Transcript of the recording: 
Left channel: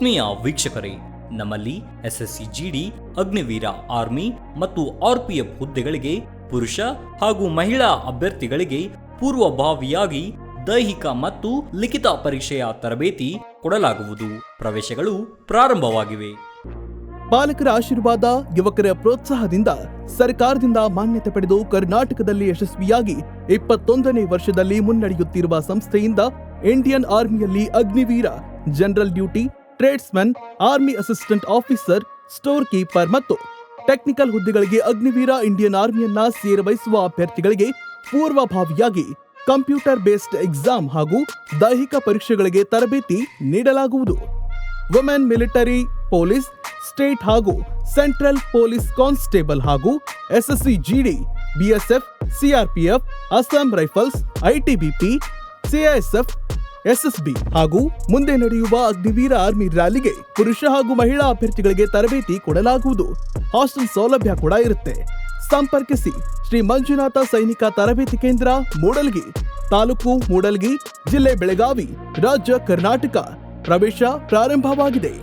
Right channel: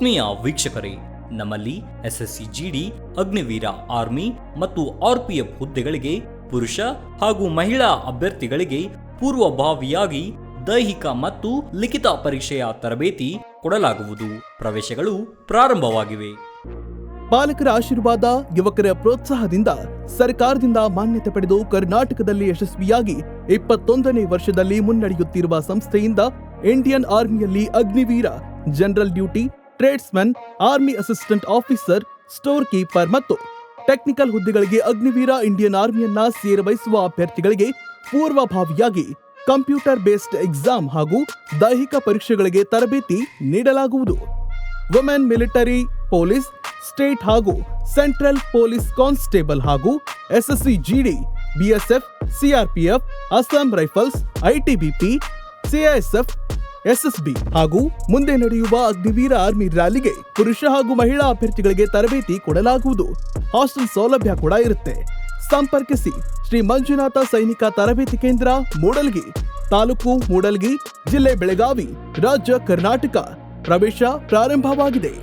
ಆತ್ಮೀಯ ವೀಕ್ಷಕರೇ, ನಮ್ಮಲ್ಲಿ ಎಸ್ಎಸ್ಸಿ ಜಿಡಿ, ಅಗ್ನಿವೀರ ಆರ್ಮಿ ಮತ್ತು ಆರ್ಪಿಎಫ್ ಹುದ್ದೆಗಳಿಗೆ ಪುರುಷ ಹಾಗೂ ಮಹಿಳಾ ಅಭ್ಯರ್ಥಿಗಳಿಗೆ ಪೂರ್ವಭಾವಿಯಾಗಿ ದೈಹಿಕ ಮತ್ತು ಲಿಖಿತ ಪರೀಕ್ಷೆಯ ತರಬೇತಿ ಕೊಡಲಾಗುವುದು. ಪ್ರವೇಶಗಳು ಪ್ರಾರಂಭವಾಗಿವೆ. ಪಾಲಕರ ಆಶೀರ್ವಾದ, ಯುವಕರ ಪ್ರೋತ್ಸಾಹದಿಂದ ಸರ್ಕಾರದಿಂದ ಮಾನ್ಯತೆ ಪಡೆದು ಕರ್ನಾಟಕದಲ್ಲಿ ಯಶಸ್ವಿಯಾಗಿ 21ನೇ ವರ್ಷದಲ್ಲಿ ಮುನ್ನಡೆಯುತ್ತಿರುವ ಸಂಸ್ಥೆಯಿಂದ ಇಂಡಿಯನ್ ಆರ್ಮಿಯಲ್ಲಿ Agniveer, general duty, tradesman, army assistant officer, store keeper ಮತ್ತು ಟೆಕ್ನಿಕಲ್ ಹುದ್ದೆಗಳಿಗೆ ಅಗ್ನಿವೀರ ಇಂಡಿಯನ್ ಆರ್ಮಿಯನ್ನ ಸೇರಬಯಸುವ ಅಭ್ಯರ್ಥಿಗಳಿಗೆ ಪೂರ್ವಭಾವಿಯಾಗಿ ಕಂಪ್ಯೂಟರ್ ಬೇಸ್ಡ್ ಎಕ್ಸಾಮ್ ಹಾಗೂ ದೈಹಿಕ ಪರೀಕ್ಷೆಗಳಿಗೆ ತರಬೇತಿ ನೀಡಲಾಗುವುದು. ವುಮೆನ್ ಮಿಲಿಟರಿ, ಪೊಲೀಸ್, ಸ್ಟೇಟ್ ಹಾಗೂ ಸೆಂಟ್ರಲ್ ಪೊಲೀಸ್ ಕಾನ್ಸ್ಟೇಬಲ್ ಹಾಗೂ SSC GD, BSF, CRPF, Assam rifles, ITBP, CISF, SSB ಹಾಗೂ ಮುಂದೆ ನಡೆಯುವ ಅಗ್ನಿವೀರ ಆರ್ಮಿ ರ್ಯಾಲಿಗೆ ಪುರುಷ ಹಾಗೂ ಮಹಿಳಾ ಅಭ್ಯರ್ಥಿಗಳಿಗೆ ತರಬೇತಿ ಕೊಡಲಾಗುವುದು. ಹಾಸ್ಟೆಲ್ ಸೌಲಭ್ಯ ಕೂಡ ಇರುತ್ತೆ. ಸಂಪರ್ಕಿಸಿ ಶ್ರೀ ಮಂಜುನಾಥ ಸೈನಿಕ ತರಬೇತಿ ಕೇಂದ್ರ, ಮೂಡಲ್ಗಿ, ತಾಲೂಕು ಮೂಡಲ್ಗಿ, ಜಿಲ್ಲೆ ಬೆಳಗಾವಿ, ರಾಜ್ಯ ಕರ್ನಾಟಕ. ಪ್ರವೇಶ ಪ್ರಾರಂಭವಾಗಿದೆ.